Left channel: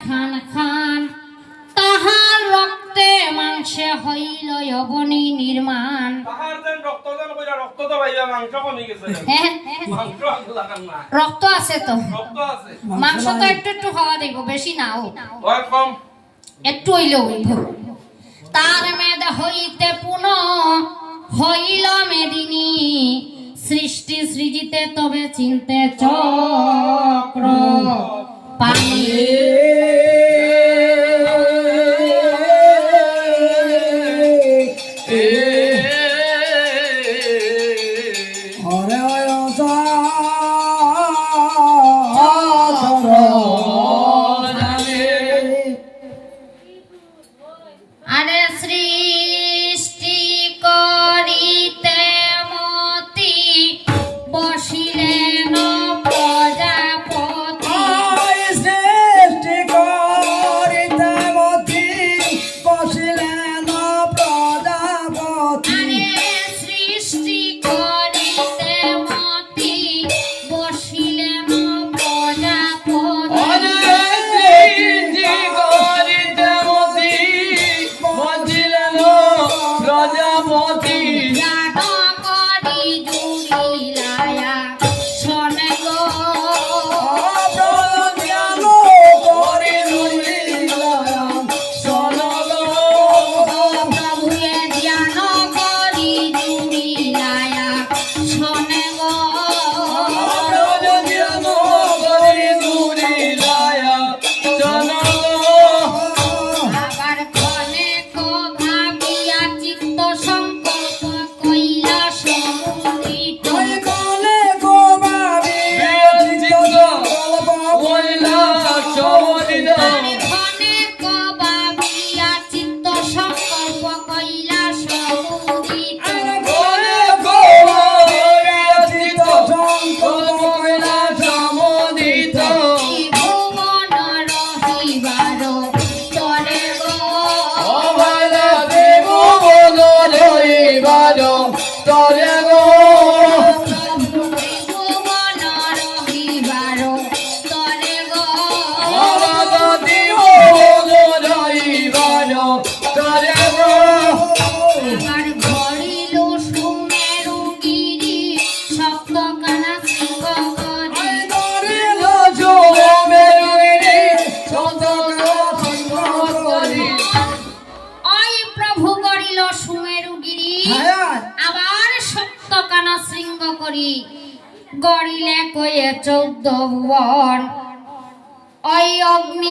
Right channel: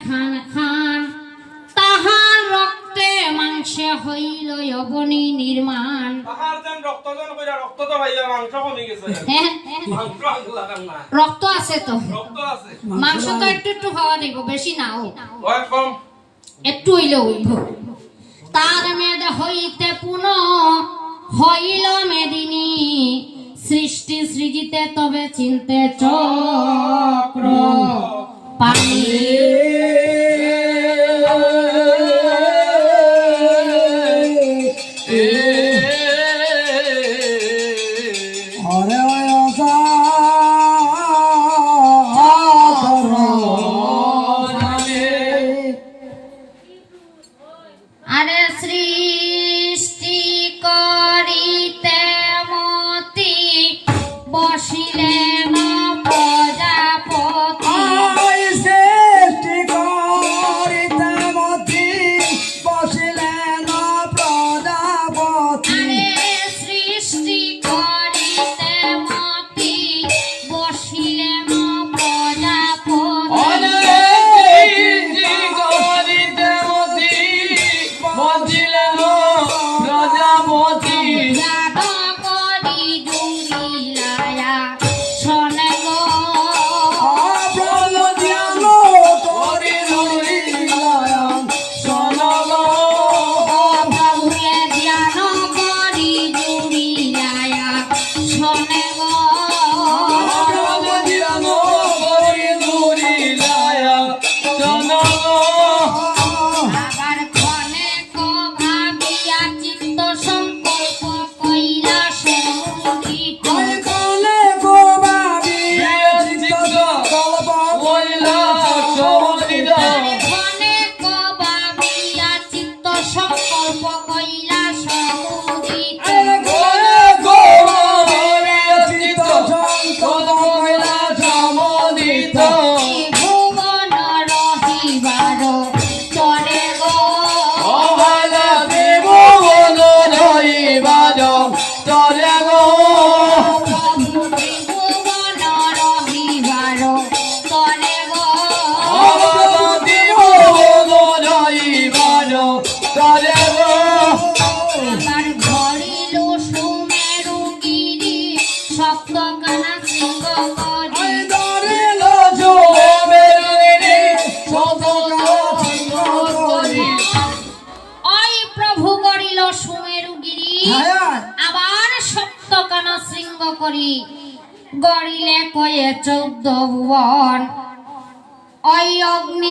খান খান তাহার রক্তে মাংসে হইল যবনী নির্মাণ। রক্ত আছে তো, মাংস তো একটু একটু হওয়া দিব, বেশি নাও, একটু হইলে হইব। তার মেদ হইতে পুনঃ হইল মেদিনী, সৃষ্টি সৃজিতে তবে চিনতে চক্র পানি। আরে সৃষ্টি করিতে মতি বসিলেন প্রজাপতি। সৃষ্টি করিতে মতি বসিলেন প্রজাপতি। আরে সৃষ্টি করিতে মতি বসিলেন প্রজাপতি। আবার সপ্তকানা শৃঙ্গ করি গড়িলে কয়ে 14 ভুবন। ওই অগ্নি